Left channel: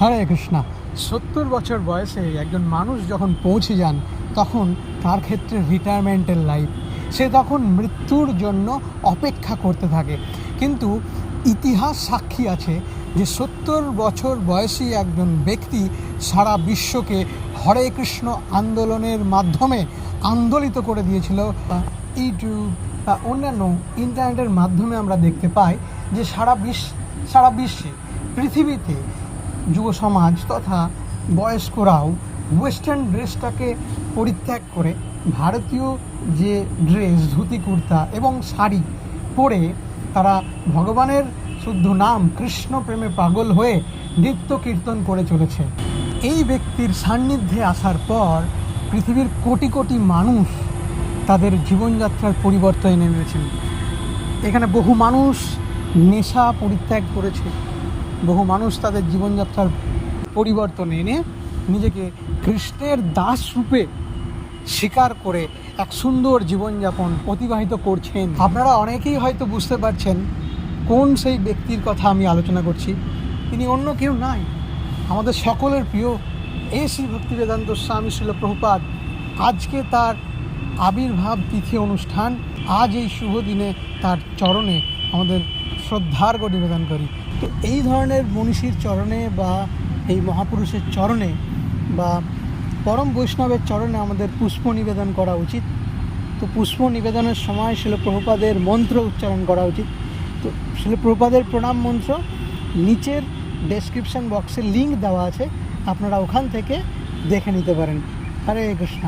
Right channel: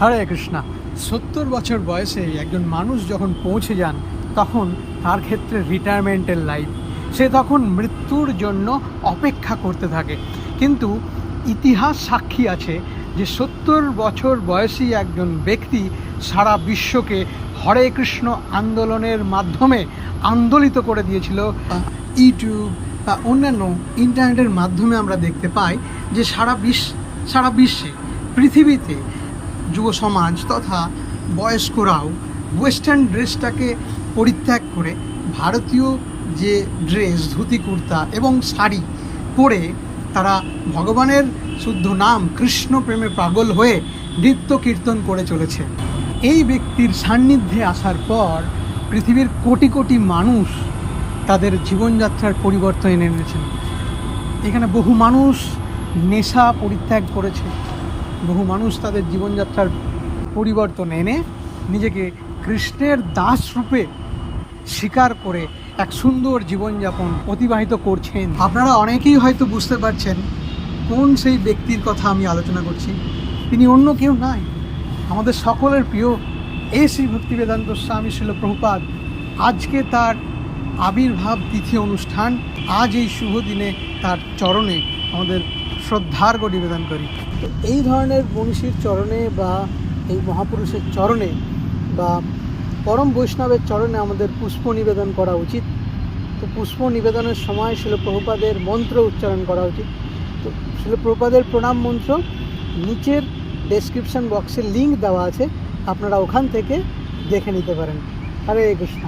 হরে কৃষ্ণা। সত্তর বছর বয়সে একজন মানুষ যখন পৌঁছে যান, তখন তার ক্ষেত্রে রিটায়ারমেন্টের লাইফ সে তখন মৃত্যুর জন্য অপেক্ষা করতে থাকে। কিন্তু ইতিহাস সাক্ষী আছে যে সত্তর বছর বয়সী একজন ব্যক্তি সারা বিশ্বকে হরে কৃষ্ণ আন্দোলনের মাধ্যমে আন্দোলিত করে দিয়েছিল। ইউটিউব বা অন্যান্য ইন্টারনেটের মাধ্যমে আমরা দেখতে পাই যে সারা বিশ্ব সারা বিশ্বে, পৃথিবীতে যুব সমাজ তথা বয়স্করাও ওয়েস্টার্ন ড্রেসটাকে পরিত্যাগ করে ভারতীয় যে ড্রেস, ধুতি, কুর্তা এবং শাড়ি পরে তারা ভগবানের শুদ্ধ নাম কৃষ্ণ প্রেমে পাগল হয়ে নৃত্য কীর্তন করে চলেছে। এই ব্যক্তির সান্নিধ্যে আসার পর পৃথিবীর কোটি কোটি মানুষ তাদের জীবনযাত্রার পরিবর্তন এনে এনেছেন এখানে বহু মানুষ নেশা পরিত্যাগ করেছে। বহু মানুষ তাদের জীবনযাত্রার পরিবর্তন এনে নিজেকে কৃষ্ণের দাস রূপে স্বীকার করে এক সুন্দর জীবনযাপন অতিবাহিত করছেন। আপনারা অনেকেই হয়তো বুঝতে পারছেন কোন সেই ব্যক্তির কথা আমি আলোচনা করছি। তিনি অন্য কেউ নয়। আমাদের সকলের প্রিয় এ শ্রী ভক্তি বেদান্ত স্বামী শিল প্রভুপাদ। আজকে তার আবির্ভাব তিথি অনুষ্ঠান, আজ এই শুভ দিনে তার চরণে আমাদের শ্রদ্ধার্ঘ নিবেদন করি। এই ধরনের মনীষীর চরণে বা এই মহাপুরুষের চরণে বা পরম বৈষ্ণবের চরণে আমাদের পুষ্প নিবেদন করা উচিত। তো পুষ্প নিবেদনের সময় শিল প্রভুপাদের মন্ত্র উচ্চারণ করা উচিত। তো শিল প্রভুপাদের প্রণাম মন্ত্র, নিচের ডেসক্রিপশন বক্সে লিঙ্ক দেওয়া আছে, আপনারা ওখান থেকে দেখে নিতে পারেন। হরে কৃষ্ণ।